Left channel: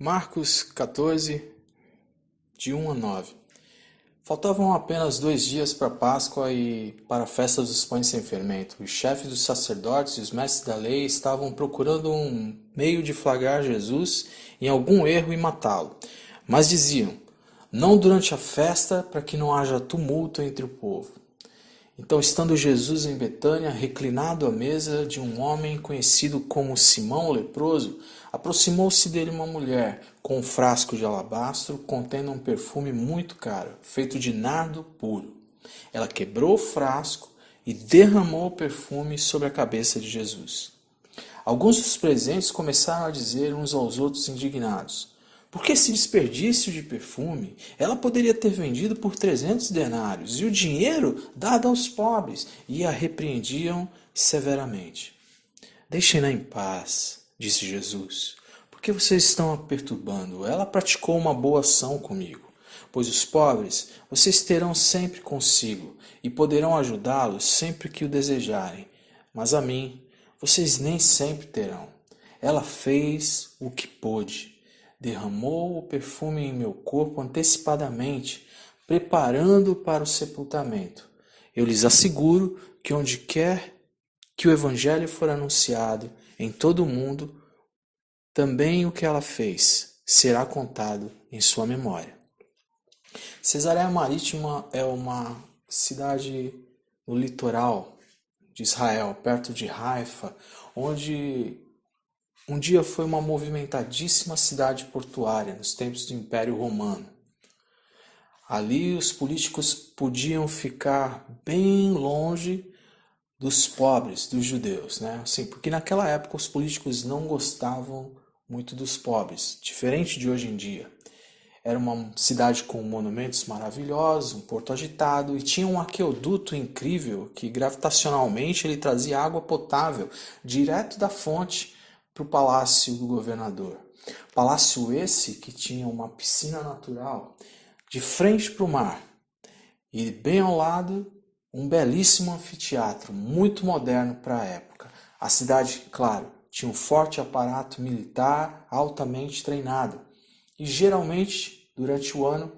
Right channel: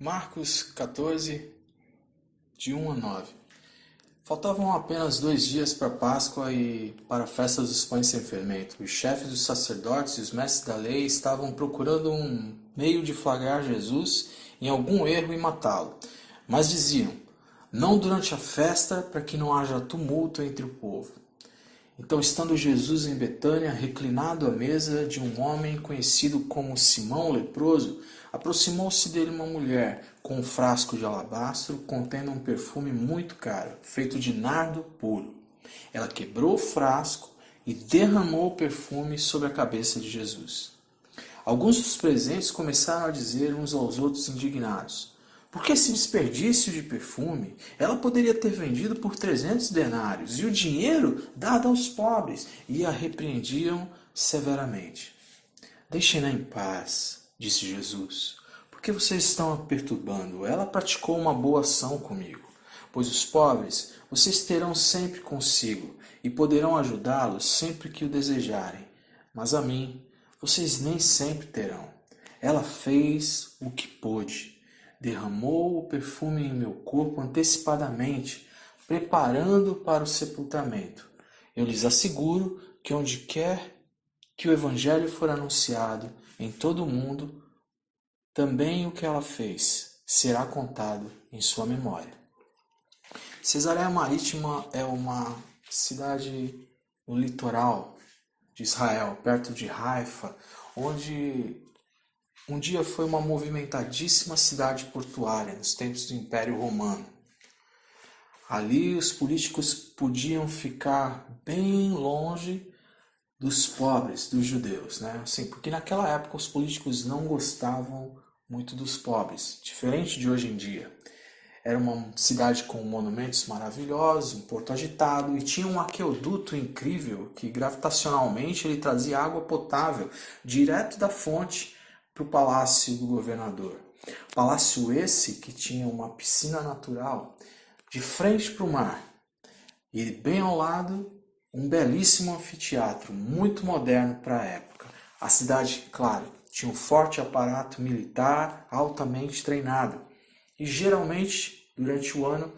Marcos 14, de 1 a 9. Faltavam apenas 2 dias para a Páscoa e para a festa dos pães sem fermento. Os chefes dos sacerdotes e os mestres da lei estavam procurando um meio de flagrar Jesus em algum erro e matá-lo. Mas diziam, não durante a festa, para que não haja tumulto entre o povo. Então, estando Jesus em Betânia, reclinado à mesa de um homem conhecido como Simão o leproso, aproximou-se dele uma mulher com um frasco de alabastro contendo um perfume muito caro, feito de nardo puro. Ela quebrou o frasco e derramou o perfume sobre a cabeça de Jesus. Alguns dos presentes começaram a dizer uns aos outros indignados, por que esse desperdício de perfume? Ela poderia ter vendido por 300 denários e o dinheiro dado aos pobres. E a repreendiam severamente. Deixem-na em paz, disse Jesus, porque vocês estão a perturbando. Ela praticou uma boa ação comigo, pois os pobres vocês terão sempre consigo e poderão ajudá-los sempre que o desejarem. Mas a mim vocês nem sempre terão. Ela fez o que pôde. Derramou o perfume em meu corpo antecipadamente, preparando-o para o sepultamento. Eu lhes asseguro que onde quer que o Evangelho for anunciado em todo o mundo, também o que ela fez será contado em sua memória. Cesareia Marítima é uma cidade no litoral de Israel, perto de Haifa, onde um dia foi uma movimentadíssima cidade portuária nos tempos do Império Romano. Ali os políticos podiam ficar bem longe dos pobres, dos judeus, né? Assim, porque naquela época os políticos não gostavam muito dos pobres, diferente de hoje em dia. Era uma cidade com monumentos maravilhosos, um porto agitado e tinha um aqueduto incrível que gravitacionalmente ele trazia água potável direto da fonte para o palácio do governador. Palácio esse que tinha uma piscina natural de frente para o mar e bem ao lado um belíssimo anfiteatro, muito moderno para a época. A cidade, claro, tinha um forte aparato militar altamente treinado e geralmente durante o ano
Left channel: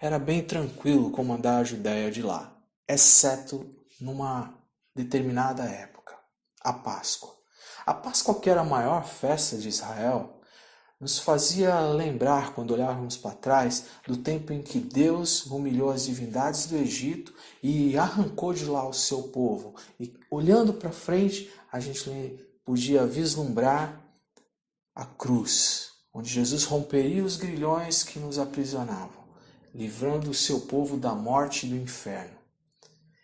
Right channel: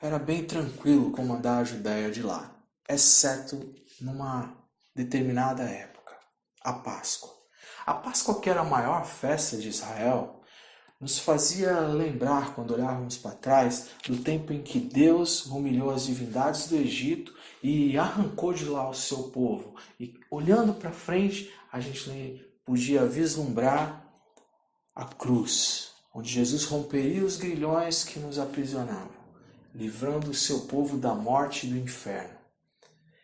era bem tranquilo comandar a Judéia de lá, exceto numa determinada época, a Páscoa. A Páscoa, que era a maior festa de Israel, nos fazia lembrar, quando olharmos para trás, do tempo em que Deus humilhou as divindades do Egito e arrancou de lá o seu povo. E olhando para frente, a gente podia vislumbrar a cruz, onde Jesus romperia os grilhões que nos aprisionavam, livrando o seu povo da morte e do inferno.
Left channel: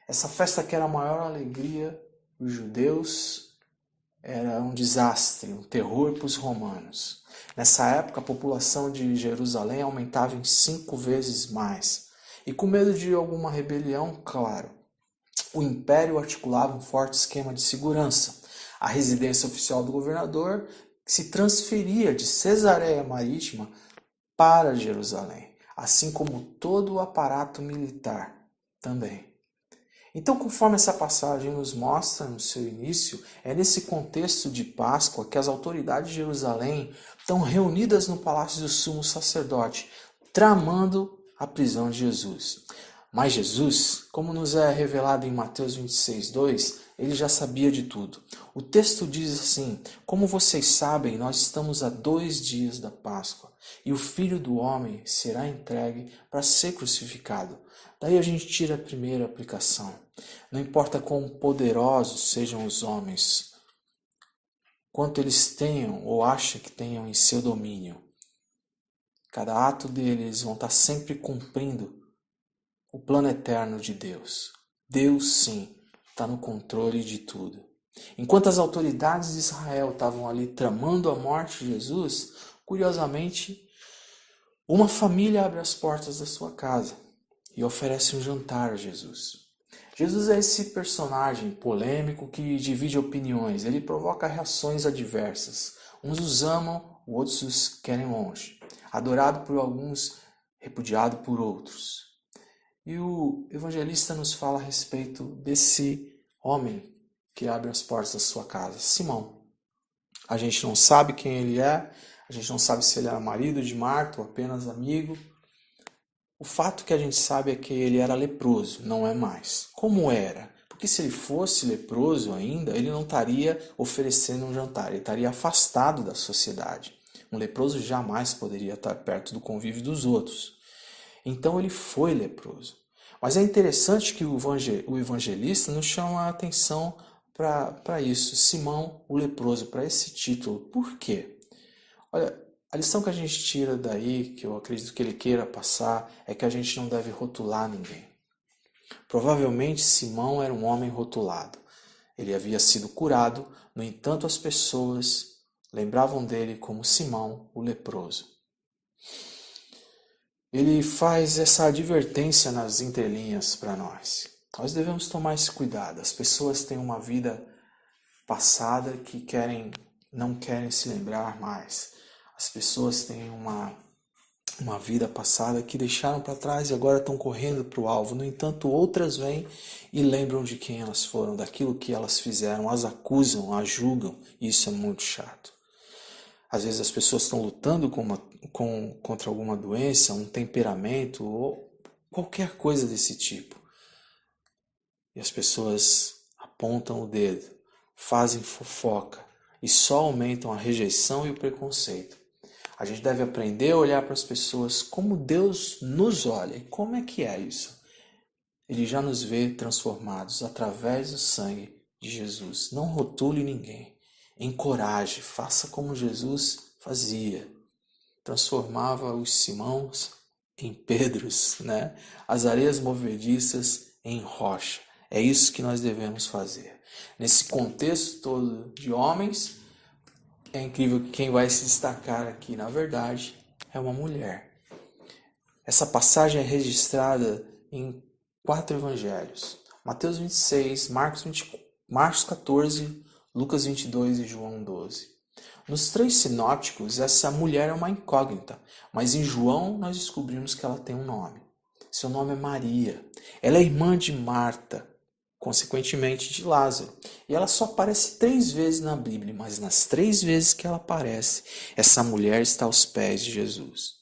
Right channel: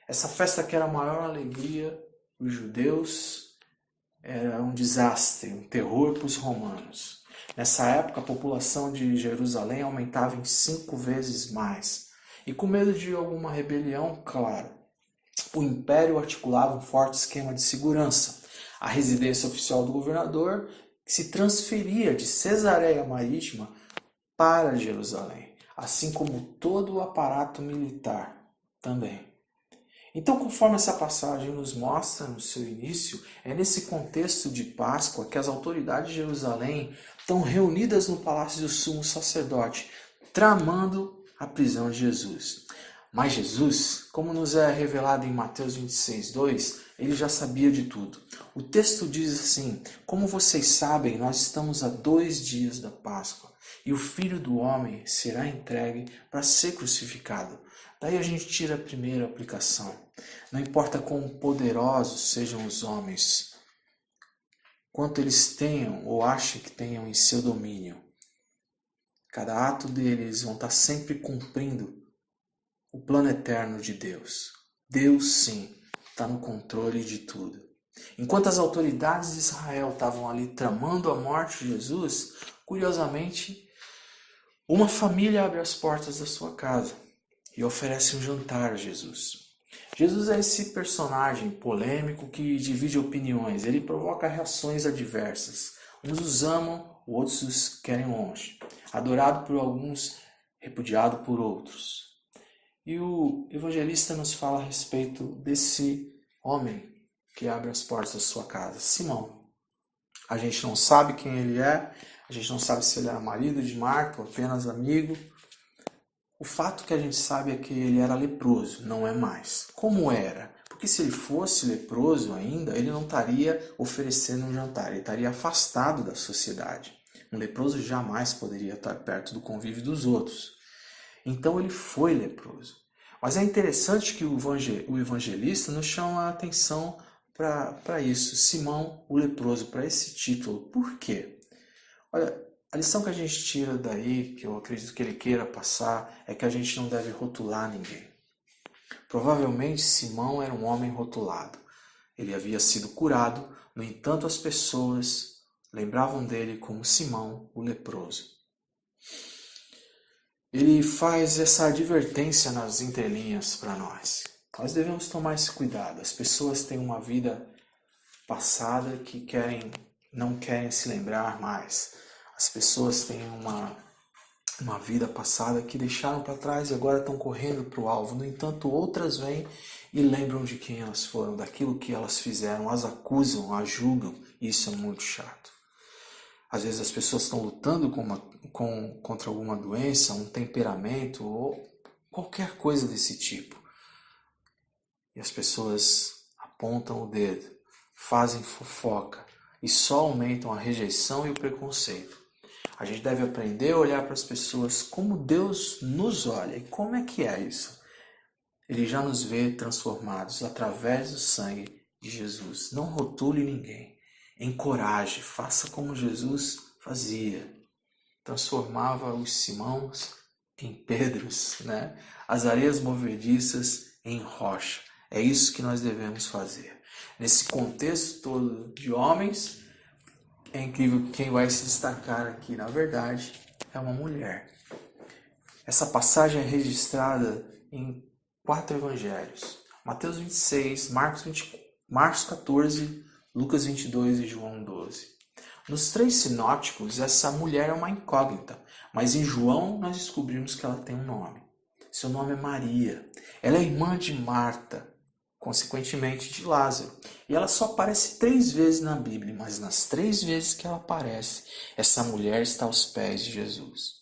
Essa festa que era a maior alegria dos judeus era um desastre, um terror para os romanos. Nessa época, a população de Jerusalém aumentava em 5 vezes mais. E com medo de alguma rebelião, claro, o império articulava um forte esquema de segurança. A residência oficial do governador se transferia de Cesareia Marítima para Jerusalém, assim como todo o aparato militar também. Então, conforme essa passagem nos mostra no seu início, é nesse contexto de Páscoa que as autoridades de Jerusalém estão reunidas no palácio do sumo sacerdote, tramando a prisão de Jesus. Mas Jesus, como nos é revelado em Mateus 26, 2, ele já sabia de tudo. O texto diz assim, como vocês sabem, nós estamos a 2 dias da Páscoa, e o Filho do Homem será entregue para ser crucificado. Daí a gente tira a primeira aplicação. Não importa quão poderosos sejam os homens, quanto eles tenham ou achem que tenham em seu domínio, cada ato deles vão estar sempre cumprindo o plano eterno de Deus. Deus, sim, está no controle de tudo. Enquanto as autoridades de Israel estavam ali tramando a morte de Jesus, curiosamente, uma família abre as portas da sua casa e oferece um jantar a Jesus. Jesus é esse personagem polêmico que divide opiniões, ele provoca reações adversas. Uns os amam, outros os querem longe. Adorado por alguns, repudiado por outros. E o evangelista nos fala a respeito desse homem que abre as portas da sua casa, Simão. A gente não sabe quem ele é, A gente não sabe se ele era marido de Marta ou apenas amigo. O fato que a gente sabe é que ele era leproso, não é mais. Como era? Porque se ele fosse leproso ainda, ele não estaria oferecendo um jantar, ele estaria afastado da sociedade. Um leproso jamais poderia estar perto do convívio dos outros. Então ele foi leproso. Mas é interessante que o evangelista nos chama a atenção para isso, Simão o leproso, para esse título. Por quê? Olha, a lição que a gente tira daí, que eu acredito que ele queira passar, é que a gente não deve rotular ninguém. Provavelmente Simão era um homem rotulado. Ele havia sido curado, no entanto as pessoas lembravam dele como Simão o leproso. Ele faz essa advertência nas entrelinhas para nós. Nós devemos tomar esse cuidado. As pessoas têm uma vida passada que não querem se lembrar mais. As pessoas têm uma vida passada que deixaram para trás e agora estão correndo para o alvo. No entanto, outras vêm e lembram de quem elas foram, daquilo que elas fizeram, as acusam, as julgam. E isso é muito chato. Às vezes as pessoas estão lutando contra alguma doença, um temperamento ou qualquer coisa desse tipo. E as pessoas apontam o dedo, fazem fofoca e só aumentam a rejeição e o preconceito. A gente deve aprender a olhar para as pessoas como Deus nos olha. E como é que é isso? Ele já nos vê transformados através do sangue de Jesus. Não rotule ninguém. Encoraje, faça como Jesus fazia. Transformava os Simãos em Pedros, né? As areias movediças em rocha. É isso que nós devemos fazer. Nesse contexto todo de homens, é incrível que quem vai se destacar aqui, na verdade, é uma mulher. Essa passagem é registrada em 4 evangelhos. Mateus 26, Marcos 14, Lucas 22 e João 12. Nos 3 sinópticos, essa mulher é uma incógnita, mas em João nós descobrimos que ela tem um nome. Seu nome é Maria. Ela é irmã de Marta, consequentemente de Lázaro. E ela só aparece 3 vezes na Bíblia, mas nas 3 vezes que ela aparece, essa mulher está aos pés de Jesus.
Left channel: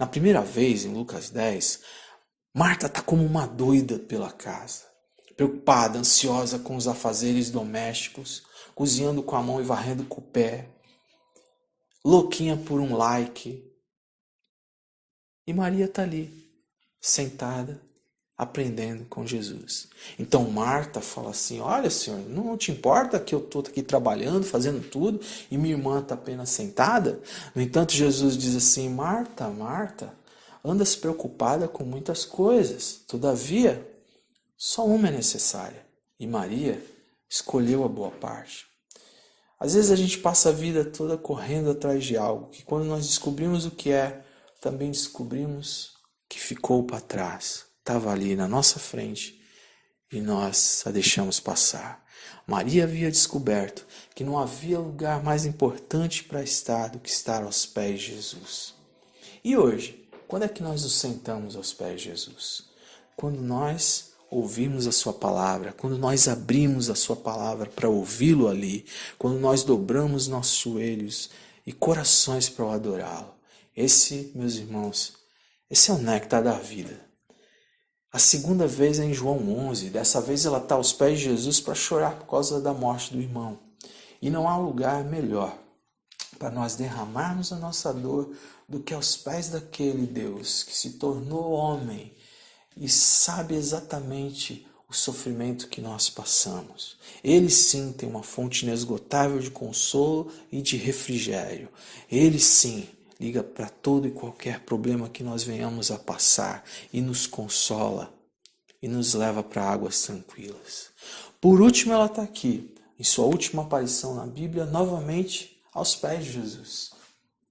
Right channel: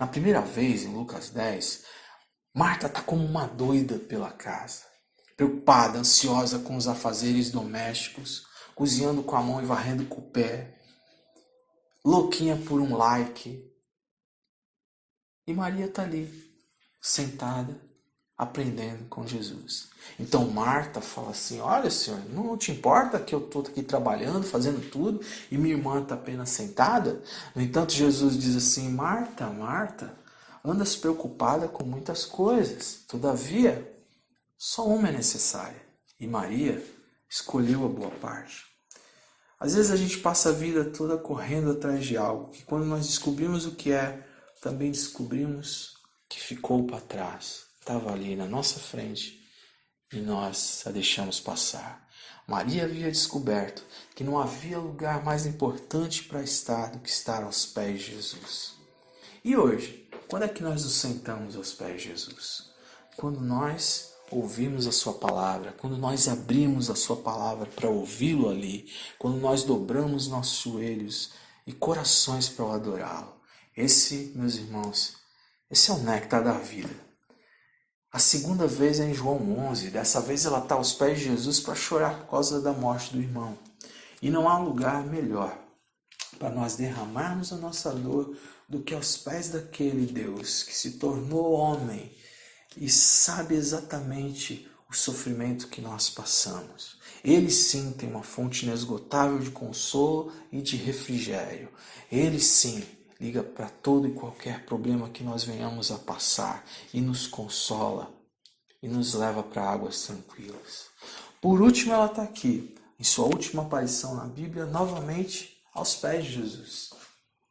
Na primeira vez, em Lucas 10, Marta está como uma doida pela casa, preocupada, ansiosa com os afazeres domésticos, cozinhando com a mão e varrendo com o pé, louquinha por um like. E Maria está ali, sentada, aprendendo com Jesus. Então Marta fala assim, olha Senhor, não te importa que eu estou aqui trabalhando, fazendo tudo, e minha irmã está apenas sentada? No entanto, Jesus diz assim, Marta, Marta, andas preocupada com muitas coisas, todavia, só uma é necessária. E Maria escolheu a boa parte. Às vezes a gente passa a vida toda correndo atrás de algo, que quando nós descobrimos o que é, também descobrimos que ficou para trás. Estava ali na nossa frente e nós a deixamos passar. Maria havia descoberto que não havia lugar mais importante para estar do que estar aos pés de Jesus. E hoje, quando é que nós nos sentamos aos pés de Jesus? Quando nós ouvimos a sua palavra, quando nós abrimos a sua palavra para ouvi-lo ali, quando nós dobramos nossos joelhos e corações para o adorá-lo. Esse, meus irmãos, esse é o néctar da vida. A segunda vez é em João 11. Dessa vez ela está aos pés de Jesus para chorar por causa da morte do irmão. E não há lugar melhor para nós derramarmos a nossa dor do que aos pés daquele Deus que se tornou homem e sabe exatamente o sofrimento que nós passamos. Ele sim tem uma fonte inesgotável de consolo e de refrigério. Ele sim liga para todo e qualquer problema que nós venhamos a passar e nos consola e nos leva para águas tranquilas. Por último, ela está aqui, em sua última aparição na Bíblia, novamente aos pés de Jesus.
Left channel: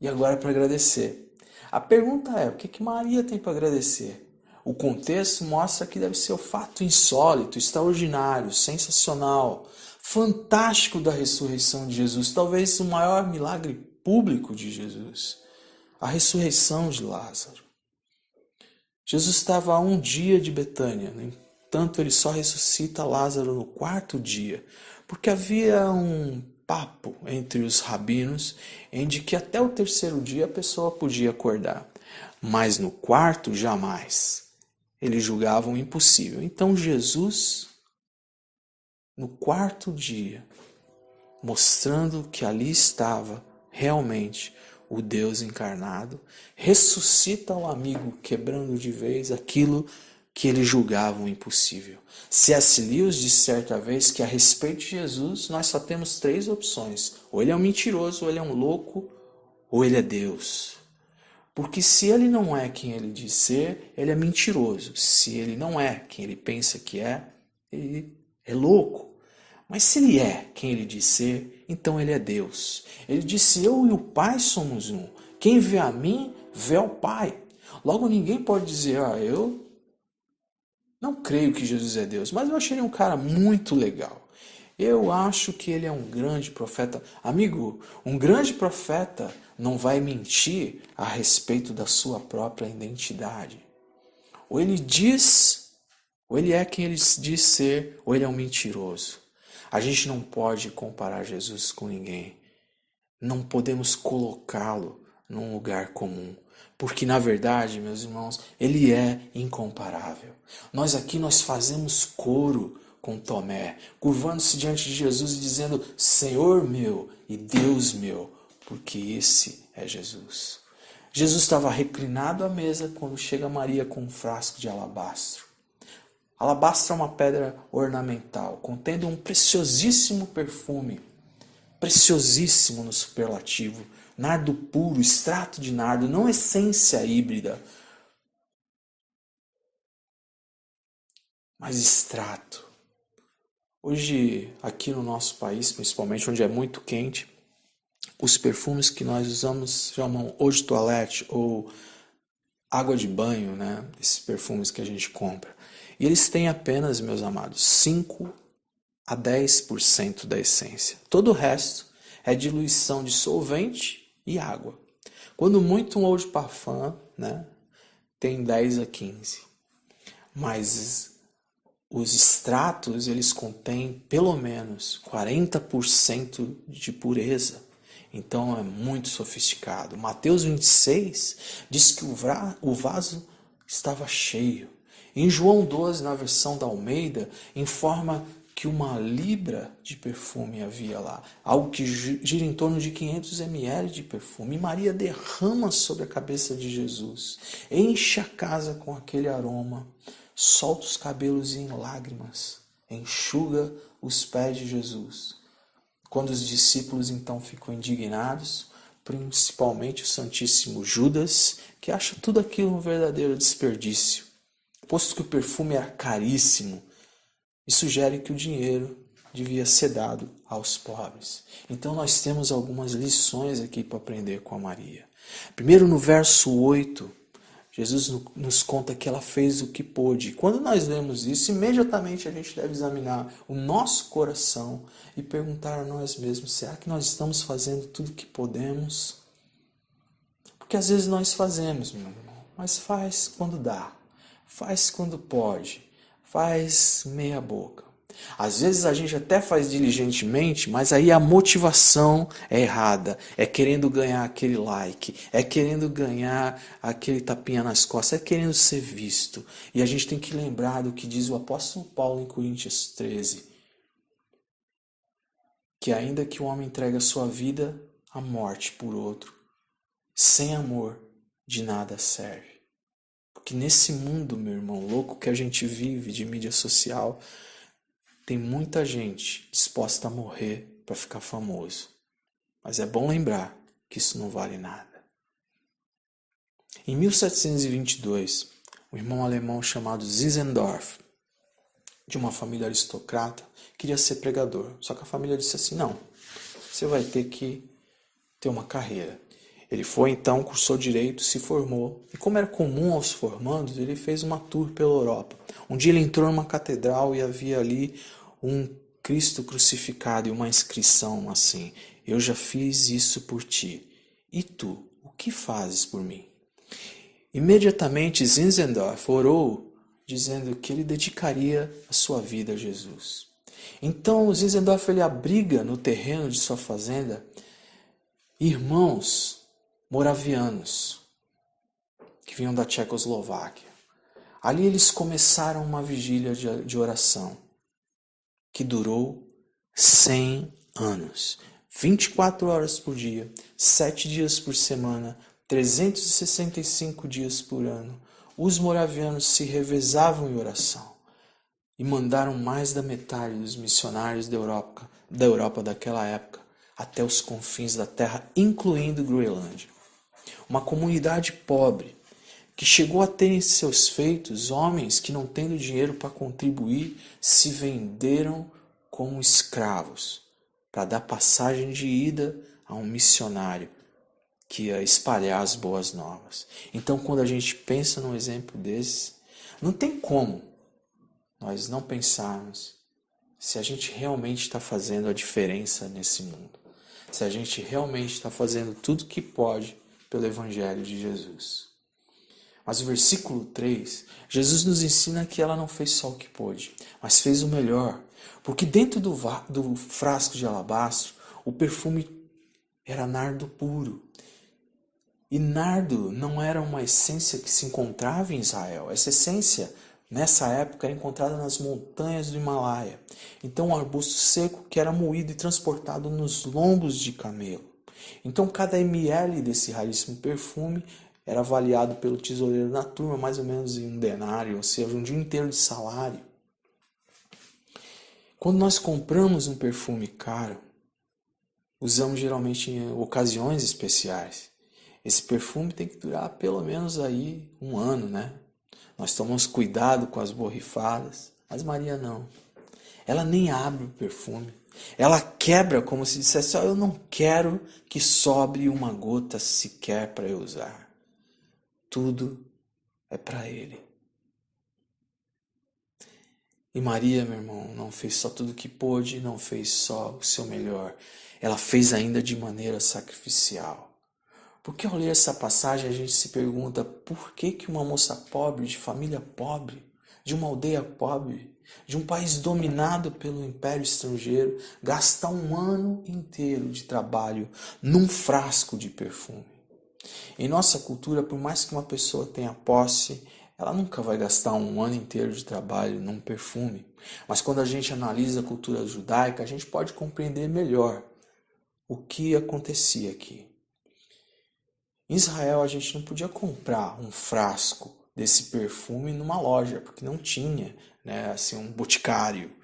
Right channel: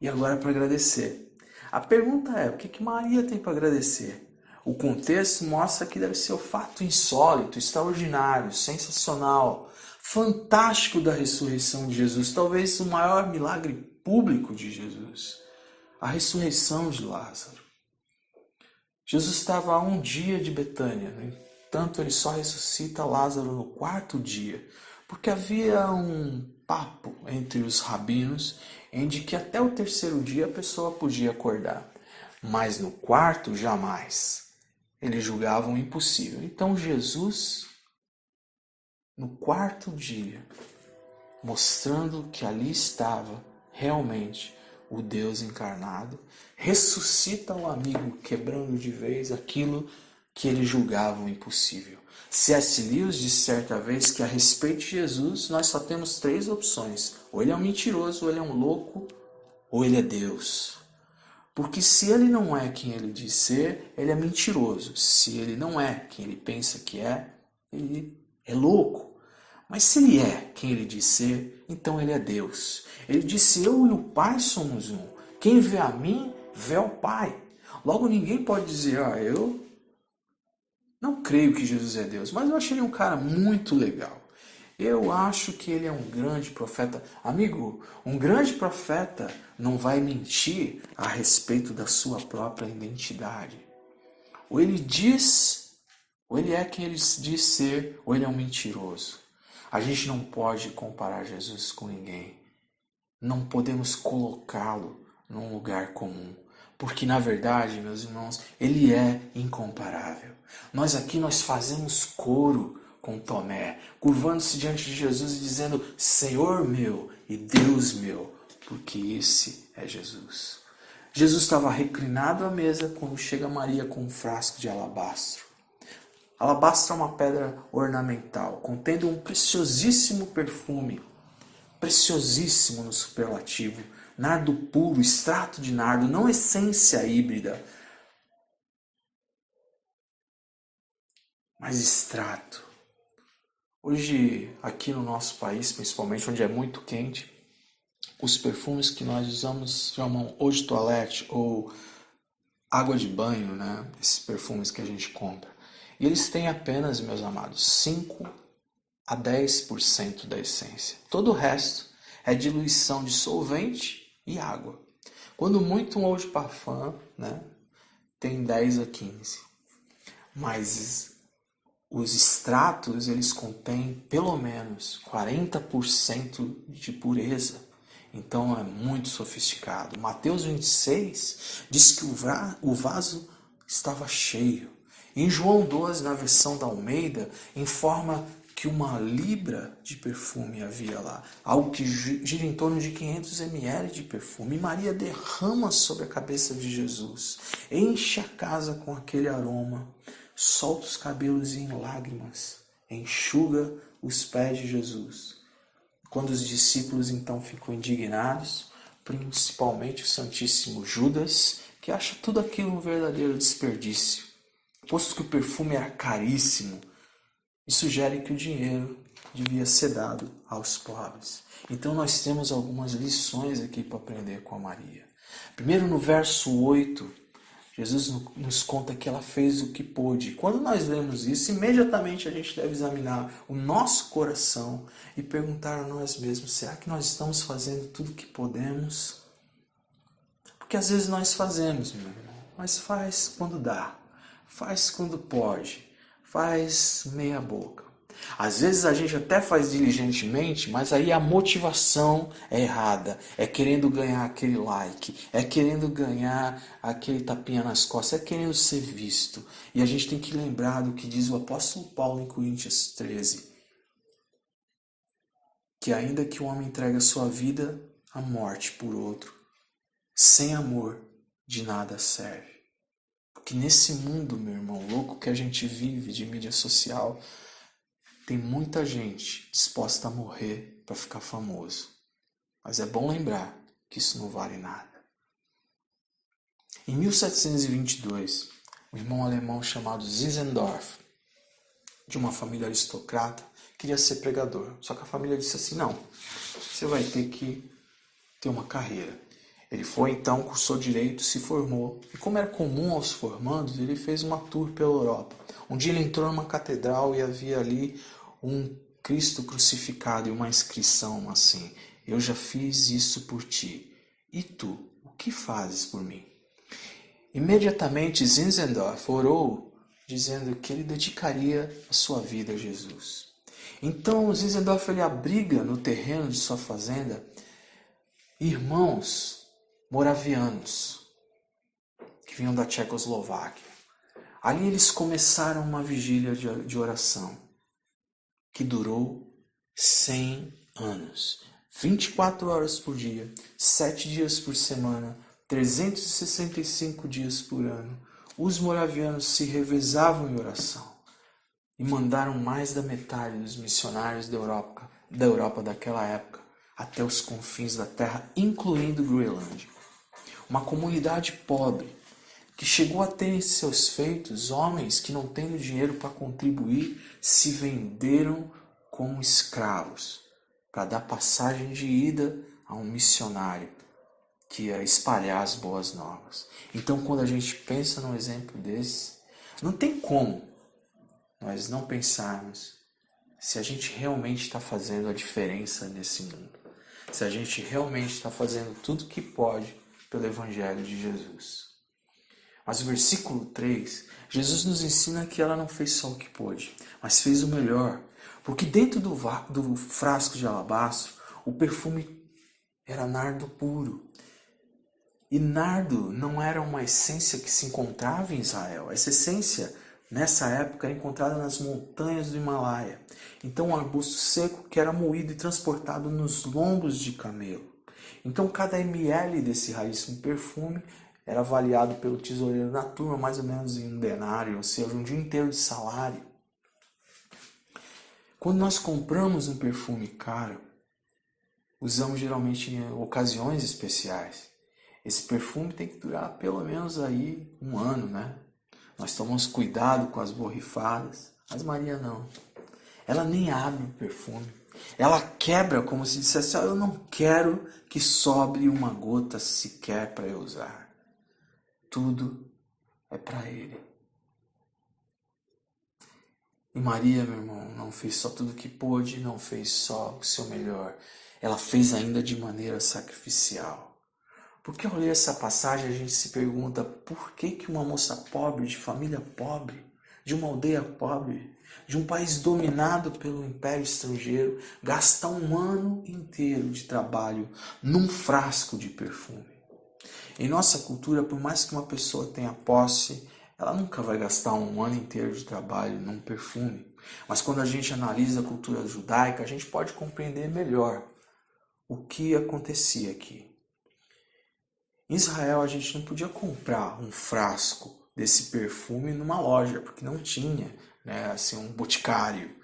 E agora para agradecer. A pergunta é, o que Maria tem para agradecer? O contexto mostra que deve ser o fato insólito, extraordinário, sensacional, fantástico da ressurreição de Jesus, talvez o maior milagre público de Jesus. A ressurreição de Lázaro. Jesus estava a 1 dia de Betânia, no entanto ele só ressuscita Lázaro no 4º dia, porque havia um papo entre os rabinos em de que até o terceiro dia a pessoa podia acordar, mas no quarto jamais. Eles julgavam impossível. Então Jesus, no quarto dia, mostrando que ali estava realmente o Deus encarnado, ressuscita um amigo, quebrando de vez aquilo que eles julgavam impossível. C.S. Lewis disse certa vez que a respeito de Jesus nós só temos 3 opções: ou ele é um mentiroso, ou ele é um louco, ou ele é Deus. Porque se ele não é quem ele diz ser, ele é mentiroso. Se ele não é quem ele pensa que é, ele é louco. Mas se ele é quem ele diz ser, então ele é Deus. Ele disse: eu e o Pai somos um. Quem vê a mim, vê ao Pai. Logo ninguém pode dizer: eu não creio que Jesus é Deus, mas eu achei ele um cara muito legal. Eu acho que ele é um grande profeta. Amigo, um grande profeta não vai mentir a respeito da sua própria identidade. Ou ele diz, ou ele é quem ele diz ser, ou ele é um mentiroso. A gente não pode comparar Jesus com ninguém. Não podemos colocá-lo num lugar comum. Porque, na verdade, meus irmãos, ele é incomparável. Nós aqui fazemos coro com Tomé, curvando-se diante de Jesus e dizendo: Senhor meu e Deus meu, porque esse é Jesus. Jesus estava reclinado à mesa quando chega Maria com um frasco de alabastro. Alabastro é uma pedra ornamental, contendo um preciosíssimo perfume, preciosíssimo no superlativo, nardo puro, extrato de nardo, não essência híbrida, mas extrato. Hoje, aqui no nosso país, principalmente onde é muito quente, os perfumes que nós usamos chamam eau de toilette ou água de banho, né? Esses perfumes que a gente compra. E eles têm apenas, meus amados, 5 a 10% da essência. Todo o resto é diluição de solvente e água. Quando muito, um eau de parfum, né, tem 10 a 15. Mas os extratos, eles contêm pelo menos 40% de pureza. Então é muito sofisticado. Mateus 26 diz que o vaso estava cheio. Em João 12, na versão da Almeida, informa que 1 libra de perfume havia lá. Algo que gira em torno de 500 ml de perfume. E Maria derrama sobre a cabeça de Jesus. Enche a casa com aquele aroma. Solta os cabelos em lágrimas. Enxuga os pés de Jesus. Quando os discípulos então ficam indignados, principalmente o Santíssimo Judas, que acha tudo aquilo um verdadeiro desperdício, posto que o perfume era caríssimo, e sugere que o dinheiro devia ser dado aos pobres. Então nós temos algumas lições aqui para aprender com a Maria. Primeiro, no verso 8, Jesus nos conta que ela fez o que pôde. Quando nós lemos isso, imediatamente a gente deve examinar o nosso coração e perguntar a nós mesmos: será que nós estamos fazendo tudo o que podemos? Porque às vezes nós fazemos, meu irmão, mas faz quando dá, faz quando pode, faz meia boca. Às vezes a gente até faz diligentemente, mas aí a motivação é errada. É querendo ganhar aquele like, é querendo ganhar aquele tapinha nas costas, é querendo ser visto. E a gente tem que lembrar do que diz o apóstolo Paulo em Coríntios 13. Que ainda que o homem entregue a sua vida à morte por outro, sem amor de nada serve. Porque nesse mundo, meu irmão, louco que a gente vive de mídia social, tem muita gente disposta a morrer para ficar famoso. Mas é bom lembrar que isso não vale nada. Em 1722, um irmão alemão chamado Zinzendorf, de uma família aristocrata, queria ser pregador. Só que a família disse assim: não, você vai ter que ter uma carreira. Ele foi então, cursou direito, se formou. E como era comum aos formandos, ele fez uma tour pela Europa. Um dia ele entrou numa catedral e havia ali um Cristo crucificado e uma inscrição assim: eu já fiz isso por ti. E tu, o que fazes por mim? Imediatamente Zinzendorf orou, dizendo que ele dedicaria a sua vida a Jesus. Então, Zinzendorf ele abriga no terreno de sua fazenda irmãos moravianos que vinham da Tchecoslováquia. Ali eles começaram uma vigília de oração que durou 100 anos. 24 horas por dia, 7 dias por semana, 365 dias por ano. Os moravianos se revezavam em oração e mandaram mais da metade dos missionários da Europa daquela época até os confins da terra, incluindo Groenlândia. Uma comunidade pobre que chegou a ter em seus feitos homens que, não tendo dinheiro para contribuir, se venderam como escravos para dar passagem de ida a um missionário que ia espalhar as boas novas. Então, quando a gente pensa num exemplo desse, não tem como nós não pensarmos se a gente realmente está fazendo a diferença nesse mundo. Se a gente realmente está fazendo tudo que pode pelo Evangelho de Jesus. Mas o versículo 3, Jesus nos ensina que ela não fez só o que pôde, mas fez o melhor. Porque dentro do frasco de alabastro, o perfume era nardo puro. E nardo não era uma essência que se encontrava em Israel. Essa essência, nessa época, era encontrada nas montanhas do Himalaia. Então, um arbusto seco que era moído e transportado nos lombos de camelo. Então, cada ml desse raríssimo perfume era avaliado pelo tesoureiro da turma mais ou menos em um denário, ou seja, um dia inteiro de salário. Quando nós compramos um perfume caro, usamos geralmente em ocasiões especiais. Esse perfume tem que durar pelo menos aí 1 ano, né? Nós tomamos cuidado com as borrifadas, mas Maria não. Ela nem abre o perfume. Ela quebra como se dissesse, eu não quero que sobre uma gota sequer para eu usar. Tudo é para Ele. E Maria, meu irmão, não fez só tudo o que pôde, não fez só o seu melhor. Ela fez ainda de maneira sacrificial. Porque ao ler essa passagem a gente se pergunta por que uma moça pobre, de família pobre, de uma aldeia pobre, de um país dominado pelo império estrangeiro, gasta 1 ano inteiro de trabalho num frasco de perfume. Em nossa cultura, por mais que uma pessoa tenha posse, ela nunca vai gastar 1 ano inteiro de trabalho num perfume. Mas quando a gente analisa a cultura judaica, a gente pode compreender melhor o que acontecia aqui. Em Israel, a gente não podia comprar um frasco desse perfume numa loja, porque não tinha, né, assim, um boticário.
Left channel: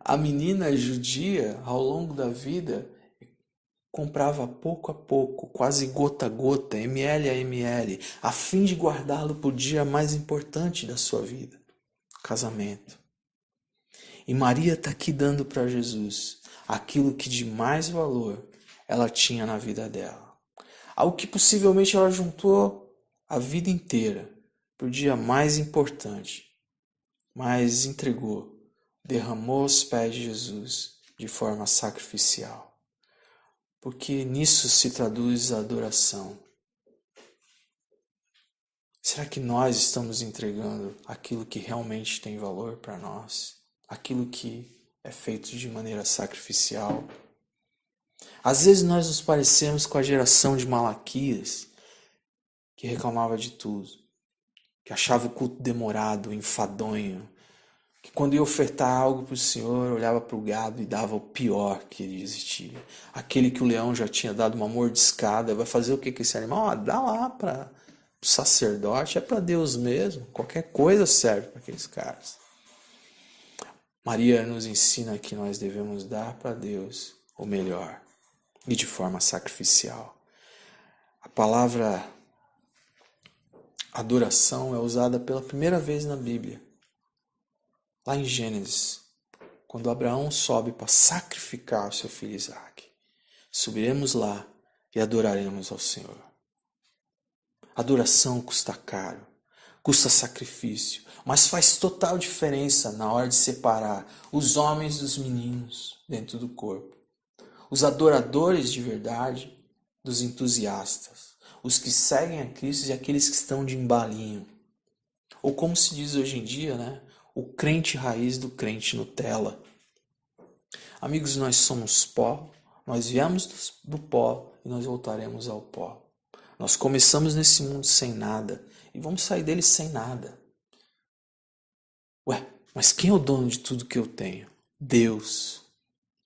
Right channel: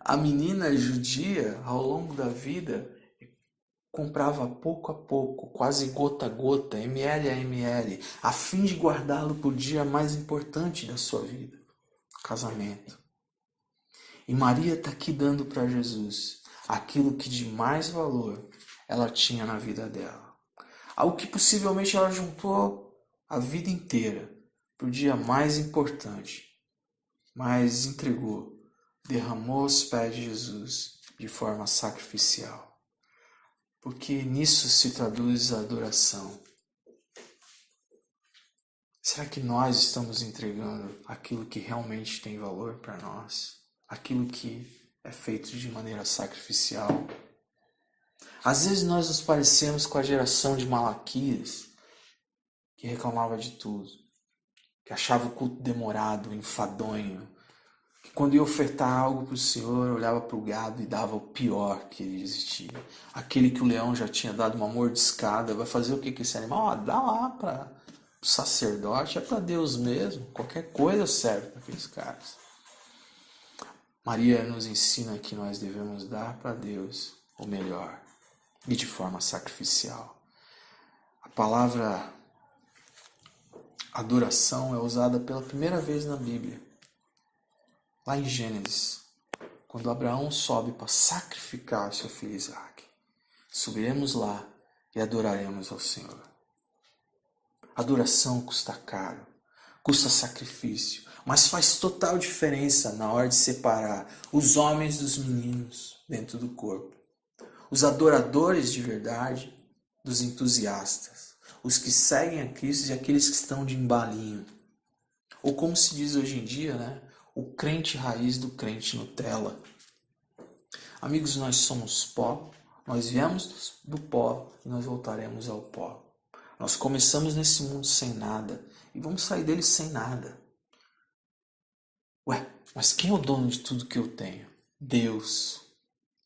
A menina judia, ao longo da vida, comprava pouco a pouco, quase gota a gota, ml a ml, a fim de guardá-lo para o dia mais importante da sua vida, o casamento. E Maria está aqui dando para Jesus aquilo que de mais valor ela tinha na vida dela. Algo que possivelmente ela juntou a vida inteira para o dia mais importante, mas entregou, derramou aos pés de Jesus de forma sacrificial. Porque nisso se traduz a adoração. Será que nós estamos entregando aquilo que realmente tem valor para nós? Aquilo que é feito de maneira sacrificial? Às vezes nós nos parecemos com a geração de Malaquias, que reclamava de tudo, que achava o culto demorado, enfadonho, que quando ia ofertar algo para o Senhor, olhava para o gado e dava o pior que existia. Aquele que o leão já tinha dado uma mordiscada, vai fazer o que com esse animal? Dá lá para o sacerdote, é para Deus mesmo, qualquer coisa serve para aqueles caras. Maria nos ensina que nós devemos dar para Deus o melhor e de forma sacrificial. A palavra adoração é usada pela primeira vez na Bíblia, lá em Gênesis, quando Abraão sobe para sacrificar o seu filho Isaac. Subiremos lá e adoraremos ao Senhor. Adoração custa caro, custa sacrifício, mas faz total diferença na hora de separar os homens dos meninos dentro do corpo. Os adoradores de verdade dos entusiastas, os que seguem a Cristo e aqueles que estão de embalinho. Ou como se diz hoje em dia, né? o crente raiz do crente Nutella. Amigos, nós somos pó, nós viemos do pó e nós voltaremos ao pó. Nós começamos nesse mundo sem nada e vamos sair dele sem nada. Ué, mas quem é o dono de tudo que eu tenho? Deus.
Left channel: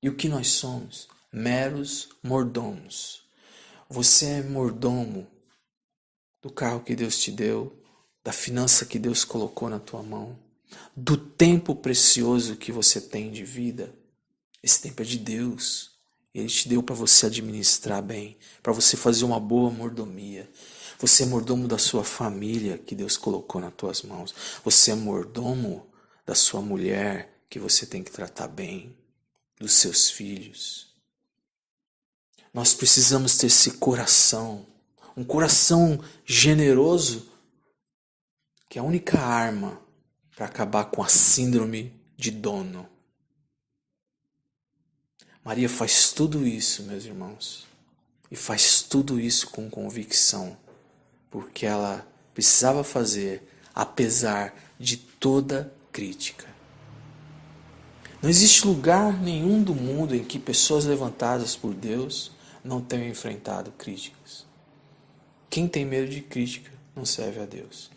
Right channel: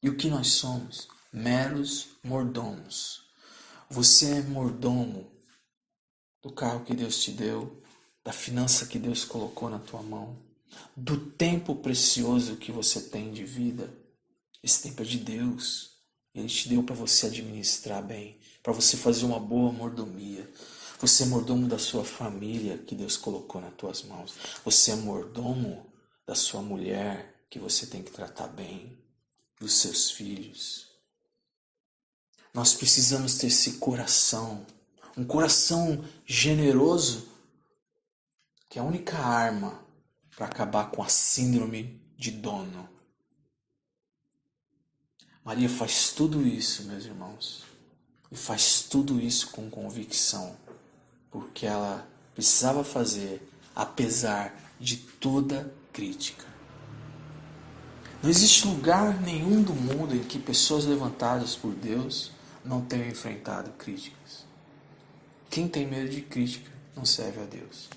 E o que nós somos? Meros mordomos. Você é mordomo do carro que Deus te deu, da finança que Deus colocou na tua mão, do tempo precioso que você tem de vida. Esse tempo é de Deus. Ele te deu para você administrar bem, para você fazer uma boa mordomia. Você é mordomo da sua família que Deus colocou nas tuas mãos. Você é mordomo da sua mulher que você tem que tratar bem, dos seus filhos. Nós precisamos ter esse coração, um coração generoso, que é a única arma para acabar com a síndrome de dono. Maria faz tudo isso, meus irmãos, e faz tudo isso com convicção, porque ela precisava fazer, apesar de toda crítica. Não existe lugar nenhum do mundo em que pessoas levantadas por Deus não tenham enfrentado críticas. Quem tem medo de crítica não serve a Deus.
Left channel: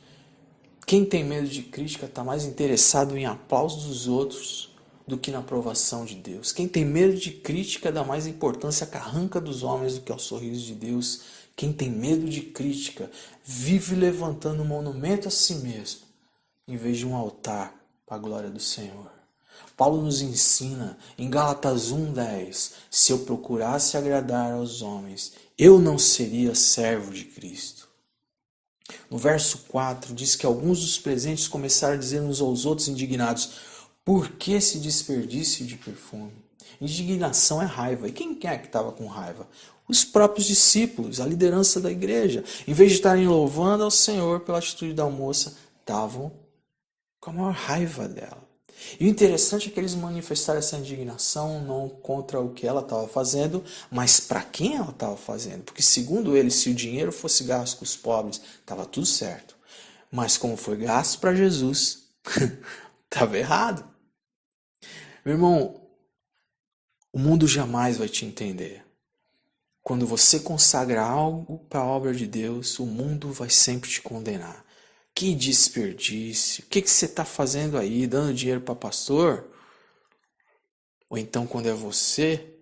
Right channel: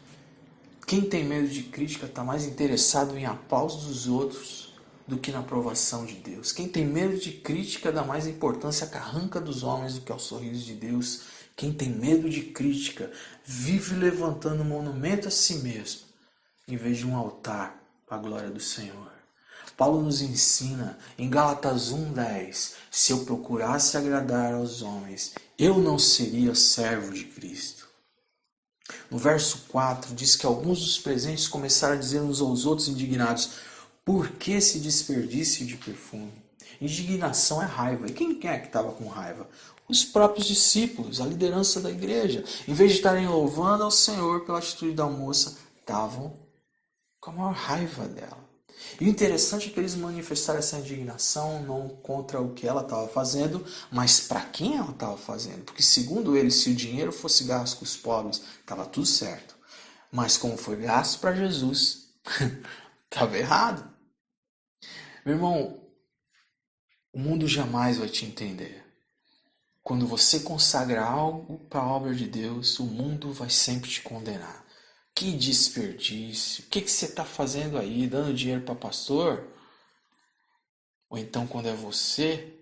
Quem tem medo de crítica está mais interessado em aplausos dos outros do que na aprovação de Deus. Quem tem medo de crítica dá mais importância à carranca dos homens do que ao sorriso de Deus. Quem tem medo de crítica vive levantando um monumento a si mesmo, em vez de um altar para a glória do Senhor. Paulo nos ensina em Gálatas 1:10, se eu procurasse agradar aos homens, eu não seria servo de Cristo. No verso 4 diz que alguns dos presentes começaram a dizer uns aos outros indignados, por que esse desperdício de perfume? Indignação é raiva. E quem é que estava com raiva? Os próprios discípulos, a liderança da igreja. Em vez de estarem louvando ao Senhor pela atitude da moça, estavam com a maior raiva dela. E o interessante é que eles manifestaram essa indignação não contra o que ela estava fazendo, mas para quem ela estava fazendo. Porque segundo eles, se o dinheiro fosse gasto com os pobres, estava tudo certo. Mas como foi gasto para Jesus, estava errado. Meu irmão, o mundo jamais vai te entender. Quando você consagra algo para a obra de Deus, o mundo vai sempre te condenar. Que desperdício! O que você está fazendo aí? Dando dinheiro para pastor? Ou então quando é você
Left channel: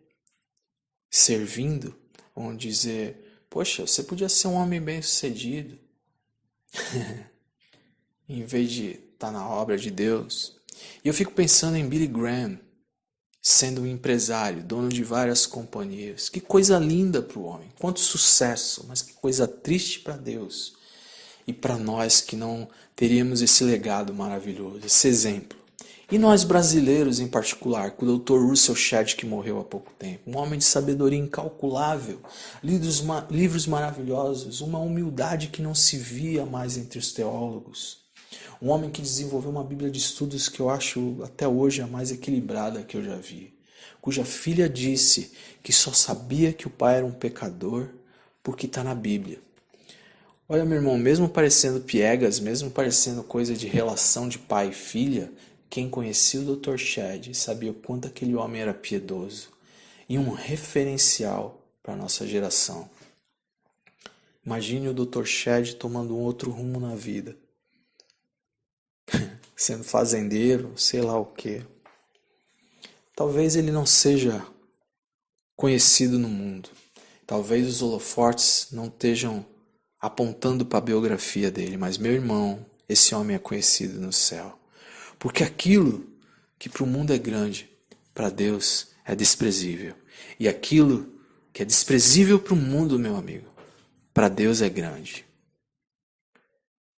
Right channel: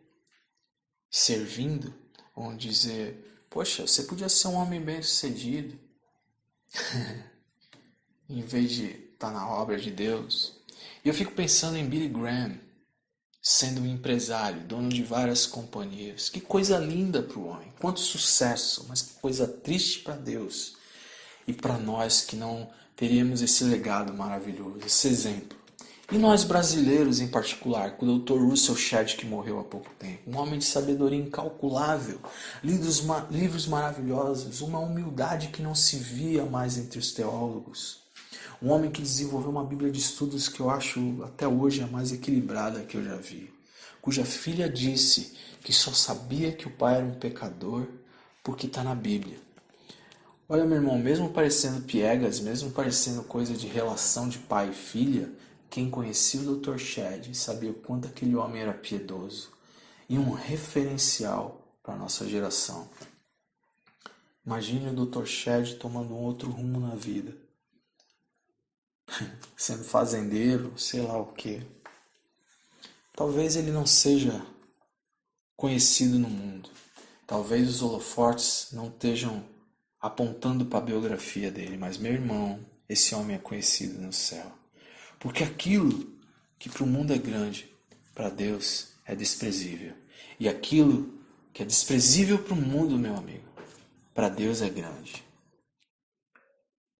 servindo, vão dizer, poxa, você podia ser um homem bem-sucedido. Em vez de estar na obra de Deus. E eu fico pensando em Billy Graham, sendo um empresário, dono de várias companhias. Que coisa linda para o homem, quanto sucesso, mas que coisa triste para Deus. E para nós que não teríamos esse legado maravilhoso, esse exemplo. E nós brasileiros em particular, com o Dr. Russell Shedd, que morreu há pouco tempo, um homem de sabedoria incalculável, livros maravilhosos, uma humildade que não se via mais entre os teólogos. Um homem que desenvolveu uma Bíblia de estudos que eu acho até hoje a mais equilibrada que eu já vi. Cuja filha disse que só sabia que o pai era um pecador porque está na Bíblia. Olha, meu irmão, mesmo parecendo piegas, mesmo parecendo coisa de relação de pai e filha, quem conhecia o Dr. Shedd sabia o quanto aquele homem era piedoso e um referencial para a nossa geração. Imagine o Dr. Shedd tomando um outro rumo na vida. Sendo fazendeiro, sei lá o quê. Talvez ele não seja conhecido no mundo. Talvez os holofotes não estejam apontando para a biografia dele. Mas, meu irmão, esse homem é conhecido no céu. Porque aquilo que para o mundo é grande, para Deus é desprezível. E aquilo que é desprezível para o mundo, meu amigo, para Deus é grande.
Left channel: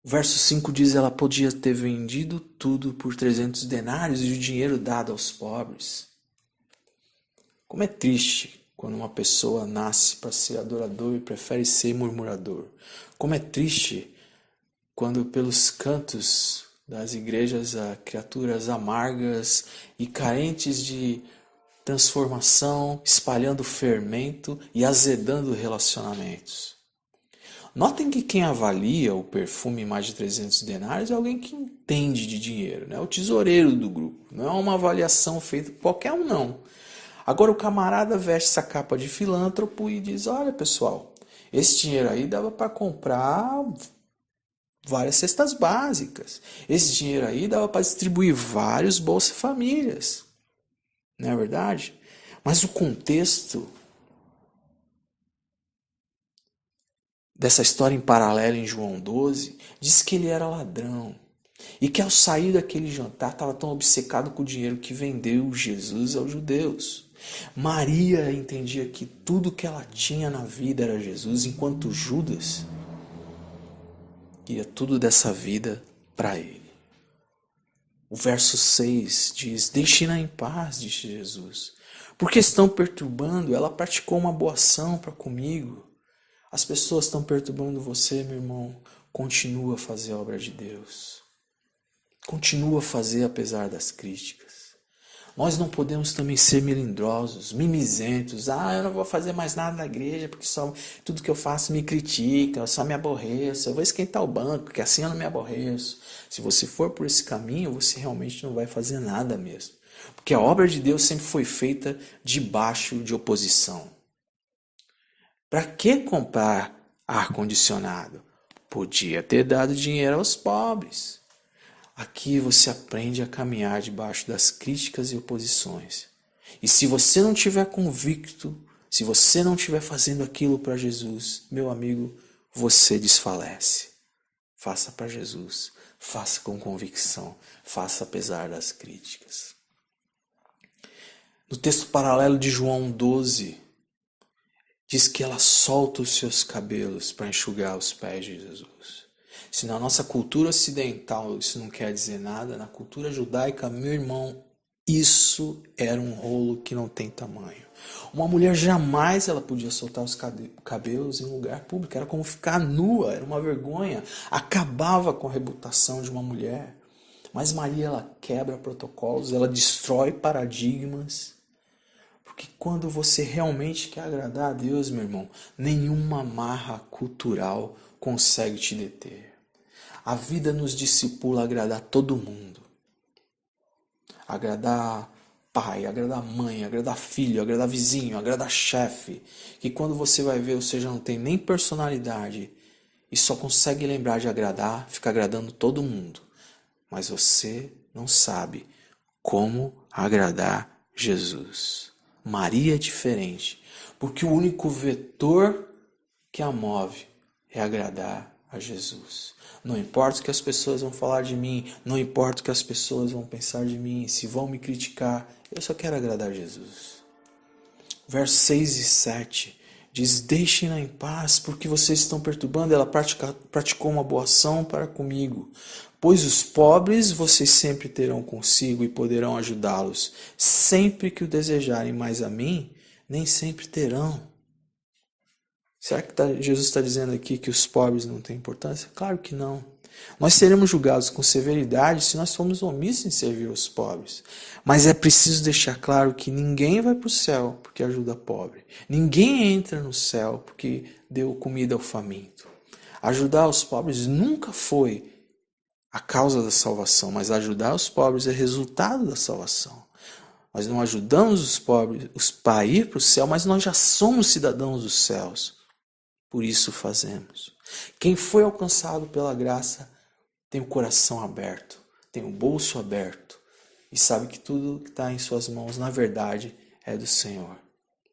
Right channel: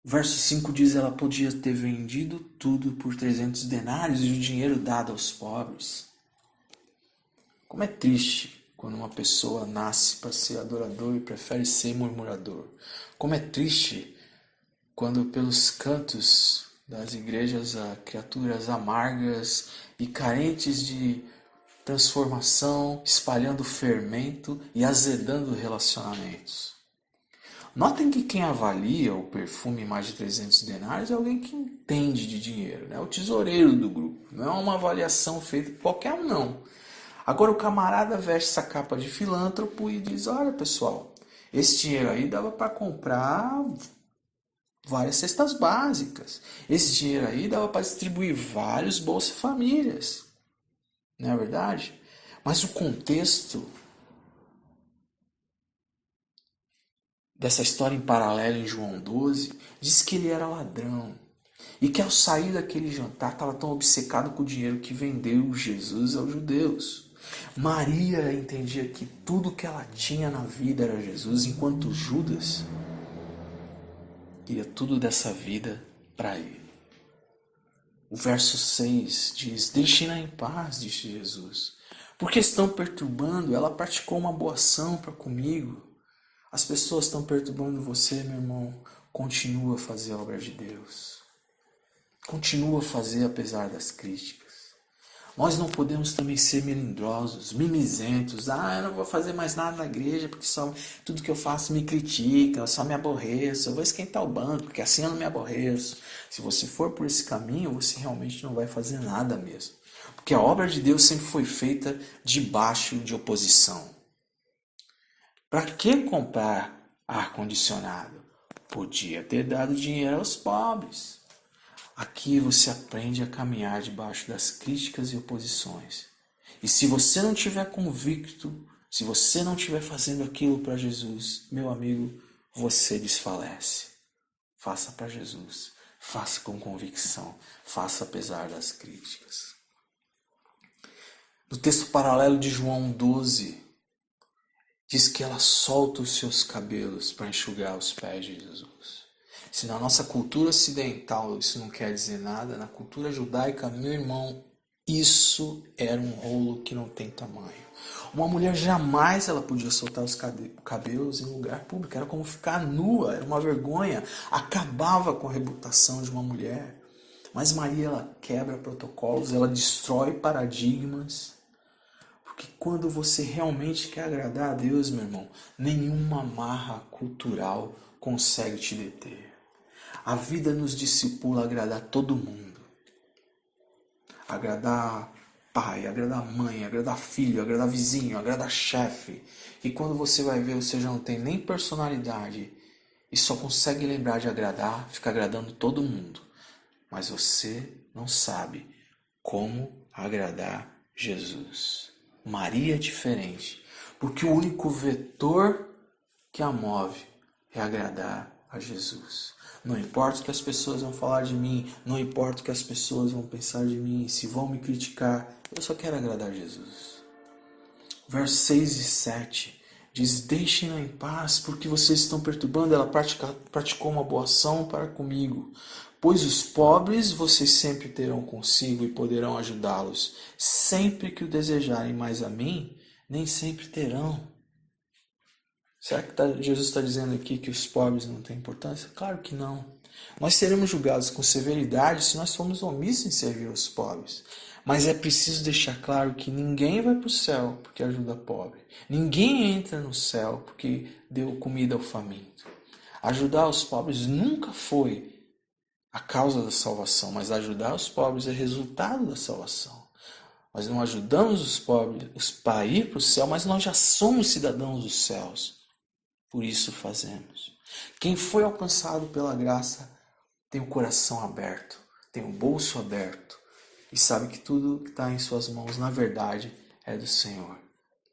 O verso 5 diz, ela podia ter vendido tudo por 300 denários e o dinheiro dado aos pobres. Como é triste quando uma pessoa nasce para ser adorador e prefere ser murmurador. Como é triste quando pelos cantos das igrejas há criaturas amargas e carentes de transformação, espalhando fermento e azedando relacionamentos. Notem que quem avalia o perfume em mais de 300 denários é alguém que entende de dinheiro, né? O tesoureiro do grupo. Não é uma avaliação feita por qualquer um, não. Agora o camarada veste essa capa de filântropo e diz, olha pessoal, esse dinheiro aí dava para comprar várias cestas básicas. Esse dinheiro aí dava para distribuir vários Bolsa Famílias. Não é verdade? Mas o contexto dessa história em paralelo em João 12 diz que ele era ladrão. E que ao sair daquele jantar estava tão obcecado com o dinheiro que vendeu Jesus aos judeus. Maria entendia que tudo que ela tinha na vida era Jesus, enquanto Judas queria tudo dessa vida para ele. O verso 6 diz, deixe-na em paz, disse Jesus. Porque estão perturbando, ela praticou uma boa ação para comigo. As pessoas estão perturbando você, meu irmão. Continua a fazer a obra de Deus. Continua a fazer apesar das críticas. Nós não podemos também ser melindrosos, mimizentos. Eu não vou fazer mais nada na igreja porque só tudo que eu faço me critica, eu só me aborreço. Eu vou esquentar o banco porque assim eu não me aborreço. Se você for por esse caminho, você realmente não vai fazer nada mesmo. Porque a obra de Deus sempre foi feita debaixo de oposição. Para que comprar ar-condicionado? Podia ter dado dinheiro aos pobres. Aqui você aprende a caminhar debaixo das críticas e oposições. E se você não estiver convicto, se você não estiver fazendo aquilo para Jesus, meu amigo, você desfalece. Faça para Jesus, faça com convicção, faça apesar das críticas. No texto paralelo de João 12, diz que ela solta os seus cabelos para enxugar os pés de Jesus. Se na nossa cultura ocidental isso não quer dizer nada, na cultura judaica, meu irmão, isso era um rolo que não tem tamanho. Uma mulher jamais ela podia soltar os cabelos em lugar público, era como ficar nua, era uma vergonha, acabava com a reputação de uma mulher. Mas Maria, ela quebra protocolos, ela destrói paradigmas, porque quando você realmente quer agradar a Deus, meu irmão, nenhuma amarra cultural consegue te deter. A vida nos discipula a agradar todo mundo. Agradar pai, agradar mãe, agradar filho, agradar vizinho, agradar chefe. Que quando você vai ver, você já não tem nem personalidade e só consegue lembrar de agradar, fica agradando todo mundo. Mas você não sabe como agradar Jesus. Maria é diferente, porque o único vetor que a move é agradar a Jesus. Não importa o que as pessoas vão falar de mim, não importa o que as pessoas vão pensar de mim, se vão me criticar, eu só quero agradar Jesus. Versos 6 e 7 diz, deixem-na em paz, porque vocês estão perturbando, ela praticou uma boa ação para comigo. Pois os pobres vocês sempre terão consigo e poderão ajudá-los. Sempre que o desejarem, mais a mim, nem sempre terão. Será que Jesus está dizendo aqui que os pobres não têm importância? Claro que não. Nós seremos julgados com severidade se nós formos omissos em servir os pobres. Mas é preciso deixar claro que ninguém vai para o céu porque ajuda pobre. Ninguém entra no céu porque deu comida ao faminto. Ajudar os pobres nunca foi a causa da salvação, mas ajudar os pobres é resultado da salvação. Nós não ajudamos os pobres para ir para o céu, mas nós já somos cidadãos dos céus. Por isso fazemos. Quem foi alcançado pela graça tem o coração aberto, tem o bolso aberto e sabe que tudo que está em suas mãos, na verdade, é do Senhor.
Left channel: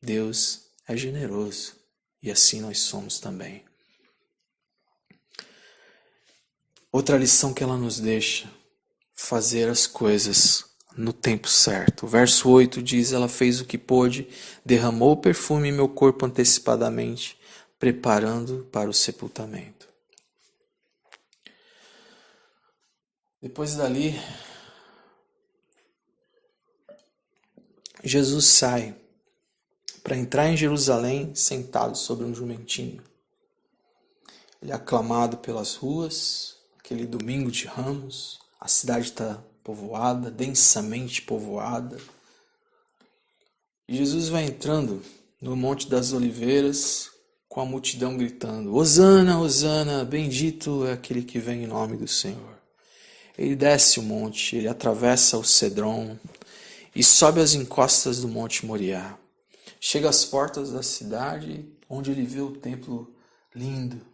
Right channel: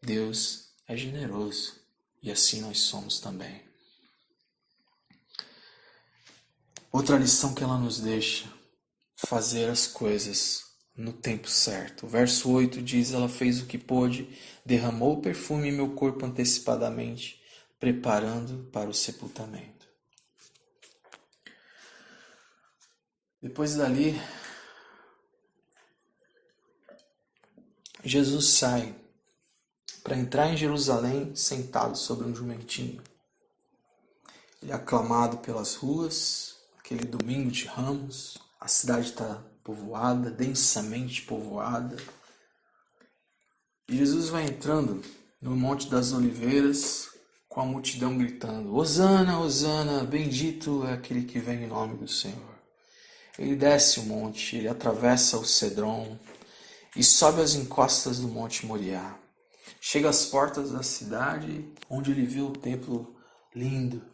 Deus é generoso e assim nós somos também. Outra lição que ela nos deixa, fazer as coisas no tempo certo. O verso 8 diz, ela fez o que pôde, derramou o perfume em meu corpo antecipadamente, preparando para o sepultamento. Depois dali, Jesus sai para entrar em Jerusalém sentado sobre um jumentinho. Ele é aclamado pelas ruas, aquele domingo de Ramos, a cidade está povoada, densamente povoada. E Jesus vai entrando no Monte das Oliveiras com a multidão gritando: Hosana, Hosana, bendito é aquele que vem em nome do Senhor. Ele desce o monte, ele atravessa o Cedron e sobe as encostas do Monte Moriá. Chega às portas da cidade, onde ele vê o templo lindo,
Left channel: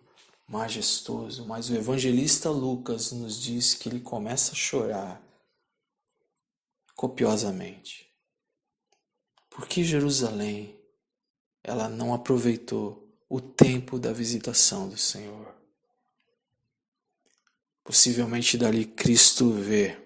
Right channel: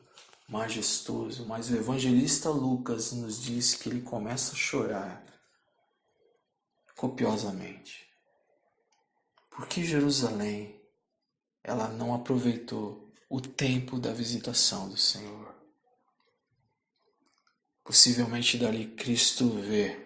majestoso, mas o evangelista Lucas nos diz que ele começa a chorar copiosamente. Porque Jerusalém, ela não aproveitou o tempo da visitação do Senhor. Possivelmente dali Cristo vê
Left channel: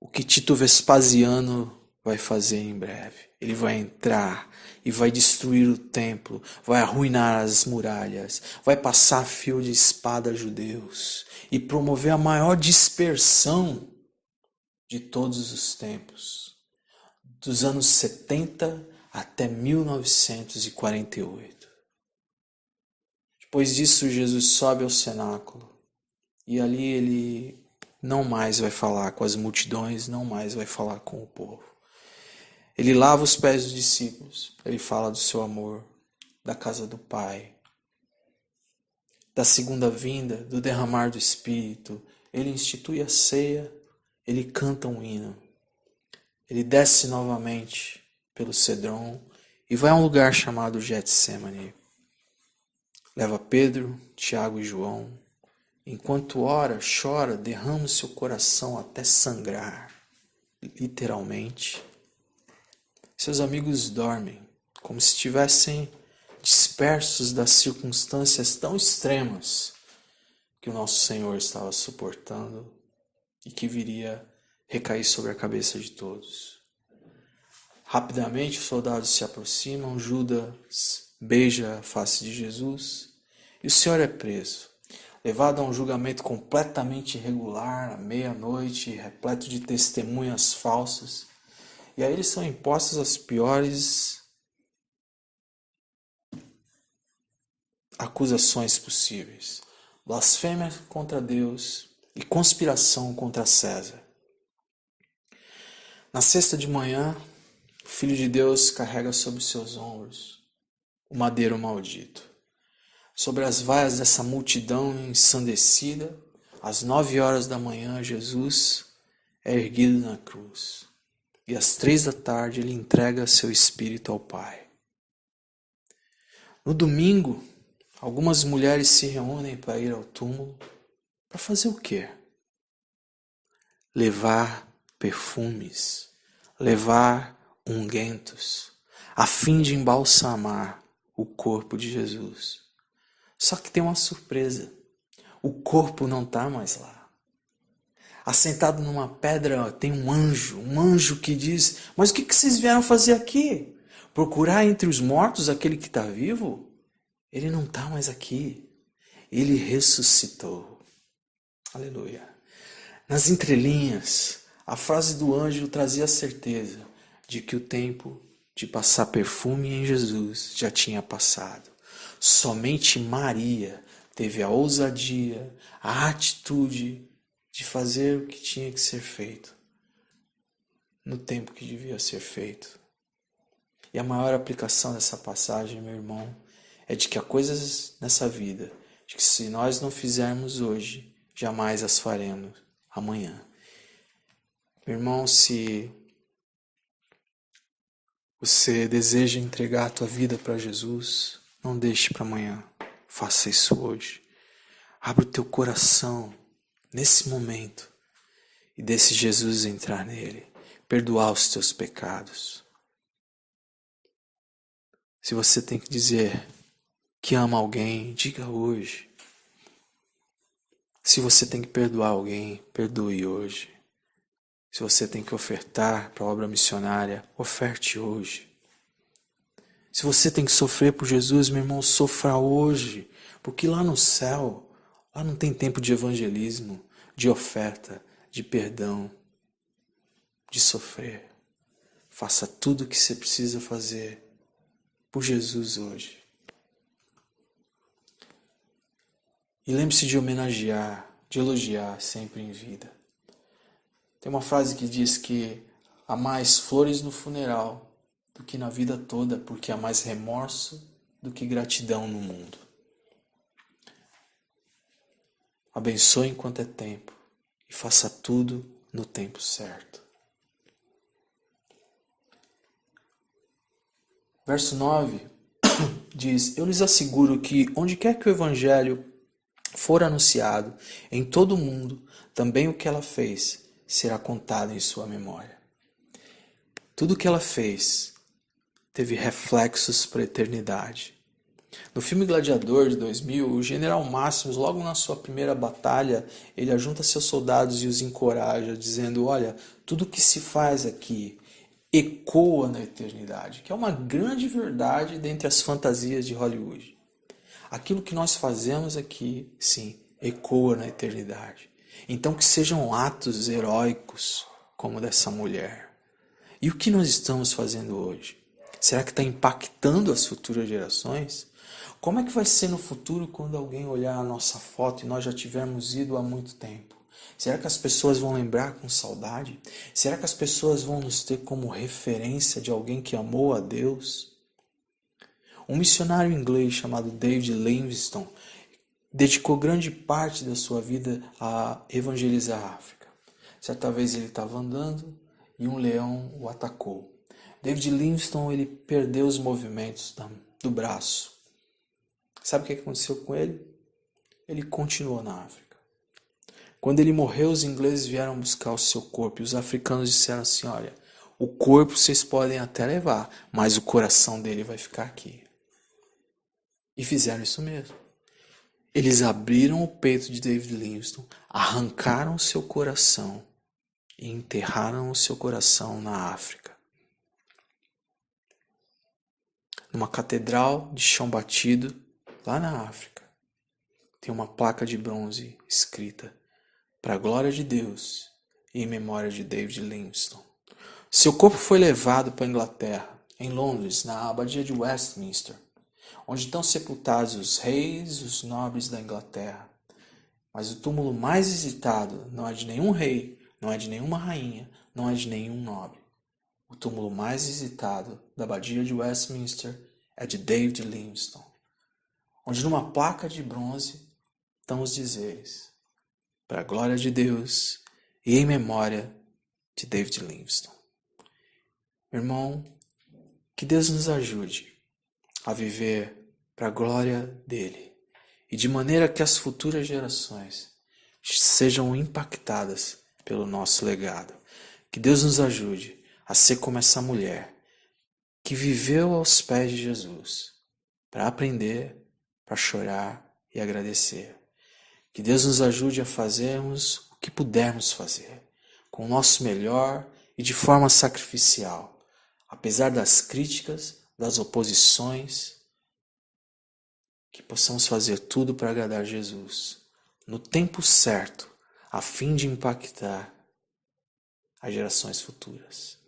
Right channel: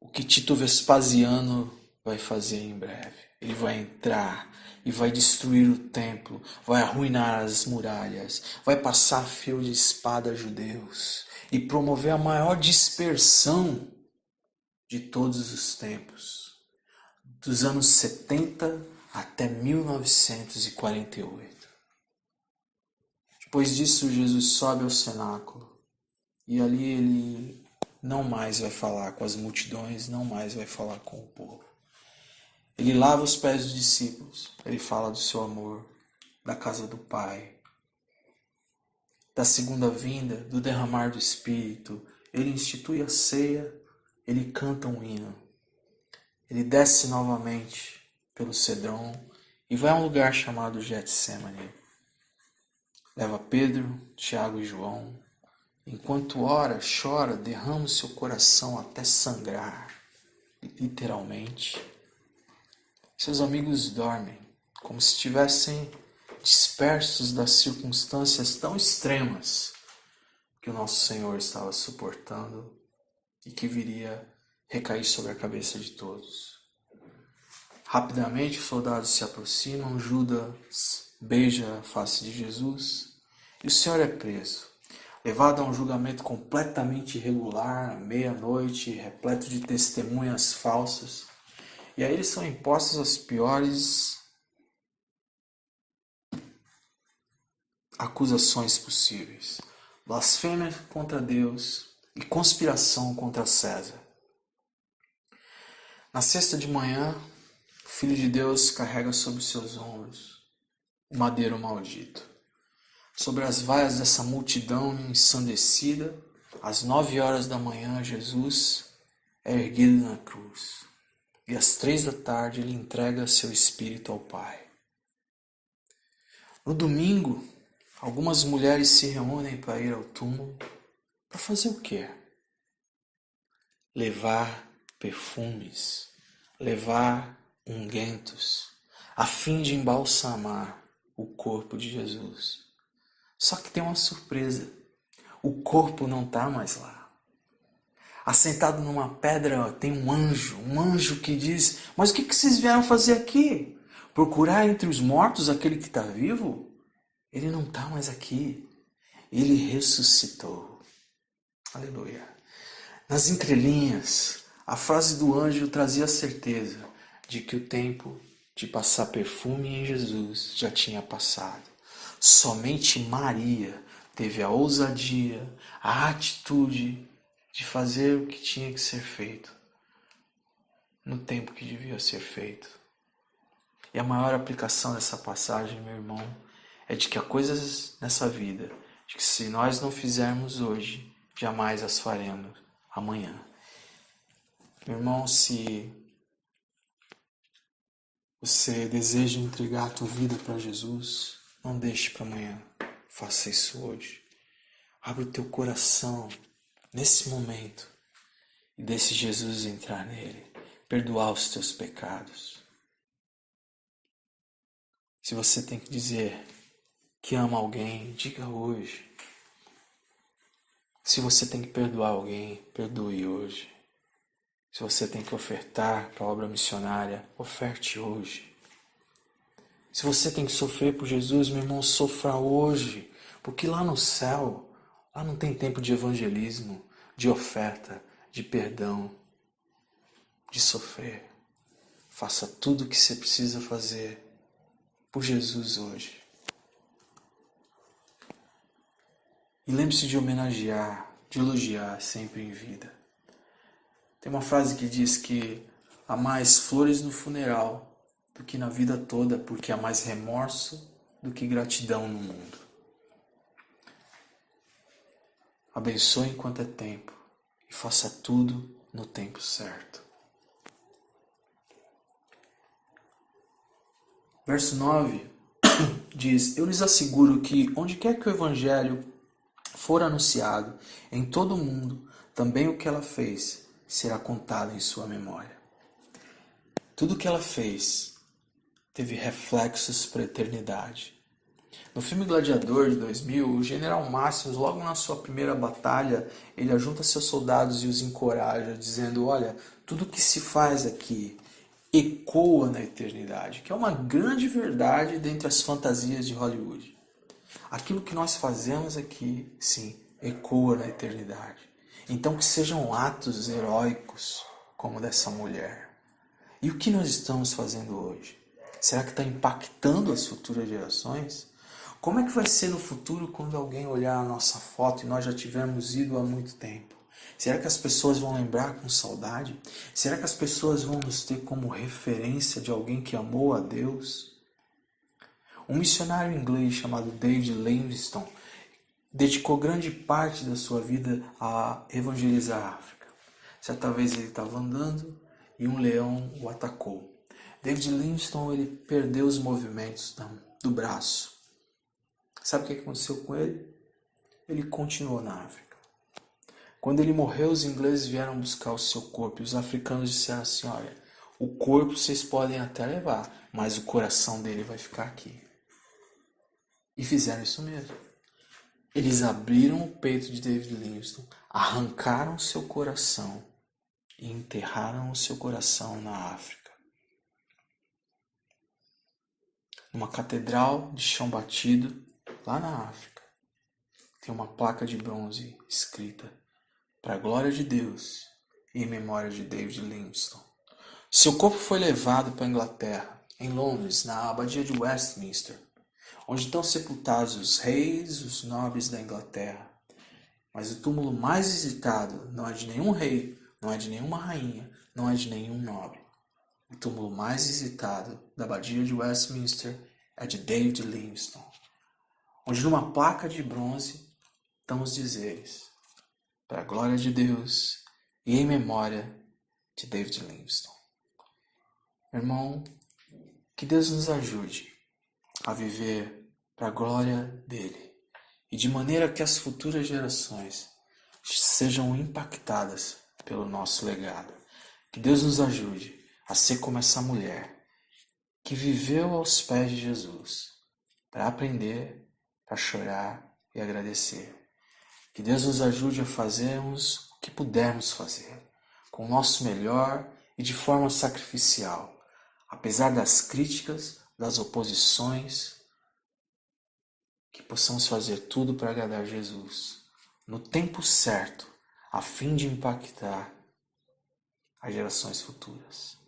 o que Tito Vespasiano vai fazer em breve. Ele vai entrar e vai destruir o templo, vai arruinar as muralhas, vai passar fio de espada a judeus e promover a maior dispersão de todos os tempos, dos anos 70 até 1948. Depois disso, Jesus sobe ao cenáculo e ali ele não mais vai falar com as multidões, não mais vai falar com o povo. Ele lava os pés dos discípulos, ele fala do seu amor, da casa do Pai, da segunda vinda, do derramar do Espírito. Ele institui a ceia, ele canta um hino. Ele desce novamente pelo Cedron e vai a um lugar chamado Getsêmani. Leva Pedro, Tiago e João. Enquanto ora, chora, derrama o seu coração até sangrar, literalmente. Seus amigos dormem, como se estivessem dispersos das circunstâncias tão extremas que o nosso Senhor estava suportando e que viria recair sobre a cabeça de todos. Rapidamente os soldados se aproximam, Judas beija a face de Jesus e o Senhor é preso. Levado a um julgamento completamente irregular, à meia-noite, repleto de testemunhas falsas. E aí eles são impostos as piores acusações possíveis. Blasfêmia contra Deus e conspiração contra César. Na sexta de manhã, o Filho de Deus carrega sobre seus ombros o madeiro maldito. Sobre as vaias dessa multidão ensandecida, às 9 horas da manhã, Jesus é erguido na cruz. E às 3 da tarde ele entrega seu espírito ao Pai. No domingo, algumas mulheres se reúnem para ir ao túmulo. Para fazer o quê? Levar perfumes, levar ungüentos, a fim de embalsamar o corpo de Jesus. Só que tem uma surpresa. O corpo não está mais lá. Assentado numa pedra tem um anjo que diz: mas o que vocês vieram fazer aqui? Procurar entre os mortos aquele que está vivo? Ele não está mais aqui. Ele ressuscitou. Aleluia. Nas entrelinhas, a frase do anjo trazia a certeza de que o tempo de passar perfume em Jesus já tinha passado. Somente Maria teve a ousadia, a atitude de fazer o que tinha que ser feito, no tempo que devia ser feito. E a maior aplicação dessa passagem, meu irmão, é de que há coisas nessa vida, de que se nós não fizermos hoje, jamais as faremos amanhã. Meu irmão, se você deseja entregar a tua vida para Jesus, não deixe para amanhã, faça isso hoje. Abra o teu coração nesse momento e deixe Jesus entrar nele, perdoar os teus pecados. Se você tem que dizer que ama alguém, diga hoje. Se você tem que perdoar alguém, perdoe hoje. Se você tem que ofertar para a obra missionária, oferte hoje. Se você tem que sofrer por Jesus, meu irmão, sofra hoje. Porque lá no céu, lá não tem tempo de evangelismo, de oferta, de perdão, de sofrer. Faça tudo o que você precisa fazer por Jesus hoje. E lembre-se de homenagear, de elogiar sempre em vida. Tem uma frase que diz que há mais flores no funeral do que na vida toda, porque há mais remorso do que gratidão no mundo. Abençoe enquanto é tempo e faça tudo no tempo certo. Verso 9 diz: Eu lhes asseguro que onde quer que o Evangelho for anunciado em todo o mundo, também o que ela fez será contado em sua memória. Tudo o que ela fez teve reflexos para a eternidade. No filme Gladiador de 2000, o General Máximos, logo na sua primeira batalha, ele ajunta seus soldados e os encoraja, dizendo: olha, tudo que se faz aqui ecoa na eternidade, que é uma grande verdade dentre as fantasias de Hollywood. Aquilo que nós fazemos aqui, sim, ecoa na eternidade. Então que sejam atos heróicos como dessa mulher. E o que nós estamos fazendo hoje? Será que está impactando as futuras gerações? Como é que vai ser no futuro quando alguém olhar a nossa foto e nós já tivermos ido há muito tempo? Será que as pessoas vão lembrar com saudade? Será que as pessoas vão nos ter como referência de alguém que amou a Deus? Um missionário inglês chamado David Livingstone dedicou grande parte da sua vida a evangelizar a África. Certa vez ele estava andando e um leão o atacou. David Livingstone ele perdeu os movimentos do braço. Sabe o que aconteceu com ele? Ele continuou na África. Quando ele morreu, os ingleses vieram buscar o seu corpo e os africanos disseram assim: olha, o corpo vocês podem até levar, mas o coração dele vai ficar aqui. E fizeram isso mesmo. Eles abriram o peito de David Livingstone, arrancaram o seu coração e enterraram o seu coração na África. Numa catedral de chão batido, lá na África, tem uma placa de bronze escrita: para a glória de Deus e em memória de David Livingstone. Seu corpo foi levado para a Inglaterra, em Londres, na abadia de Westminster, onde estão sepultados os reis e os nobres da Inglaterra. Mas o túmulo mais visitado não é de nenhum rei, não é de nenhuma rainha, não é de nenhum nobre. O túmulo mais visitado da abadia de Westminster é de David Livingstone, onde numa placa de bronze estão os dizeres: para a glória de Deus e em memória de David Livingstone. Meu irmão, que Deus nos ajude a viver para a glória dele e de maneira que as futuras gerações sejam impactadas pelo nosso legado. Que Deus nos ajude a ser como essa mulher que viveu aos pés de Jesus para aprender, para chorar e agradecer. Que Deus nos ajude a fazermos o que pudermos fazer, com o nosso melhor e de forma sacrificial, apesar das críticas, das oposições, que possamos fazer tudo para agradar Jesus, no tempo certo, a fim de impactar as gerações futuras.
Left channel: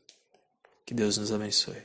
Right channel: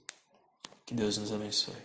Que Deus nos abençoe.